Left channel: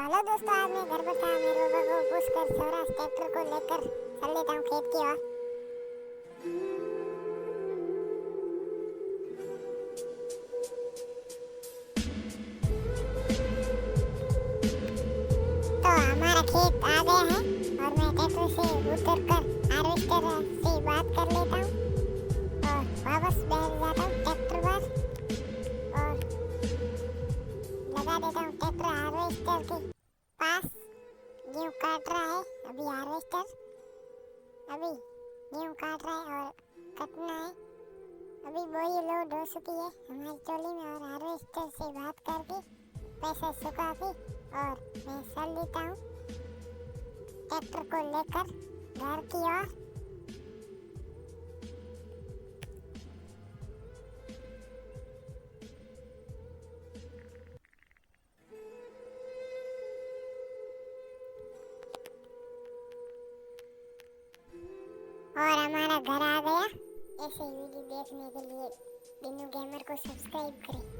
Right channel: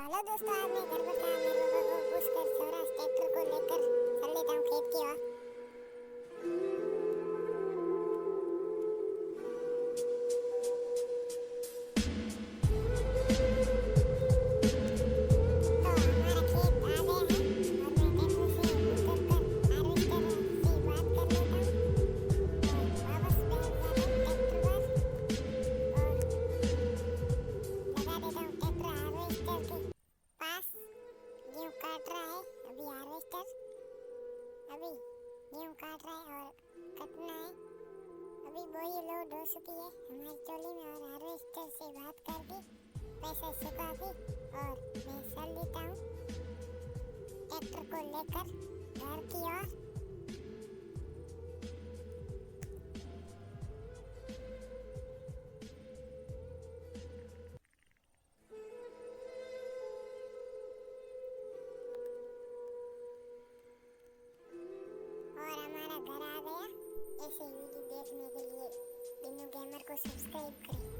तो हेलो दोस्तों, आज मैं घर पर था। मेरे पापा को पूछकर स्वराज ट्रैक्टर को लेकर चल लेता हूँ खेत की ओर। तो हमारा खेत आ गया है और मैं ट्रैक्टर से उतर कर हार्वेस्टर से बात कर लेता हूँ और वापस बैठ जाता हूँ ट्रैक्टर पर और लगा देता हूँ ट्रैक्टर हार्वेस्टर के पास। गेहूँ काट रहा है अभी हार्वेस्टर, अभी गेहूँ काट रहा है और कटना है। अभी बोरी लोड हो चुकी है हमारी ट्रॉली में और हार्वेस्टर से बात करके पैसा चुका के और मैं चल देता हूँ ट्रैक्टर को लेकर घर की ओर। और हमारा घर आ गया। ऐसे वीडियो देखने के लिए बिन्नू गेमर को सब्सक्राइब करें।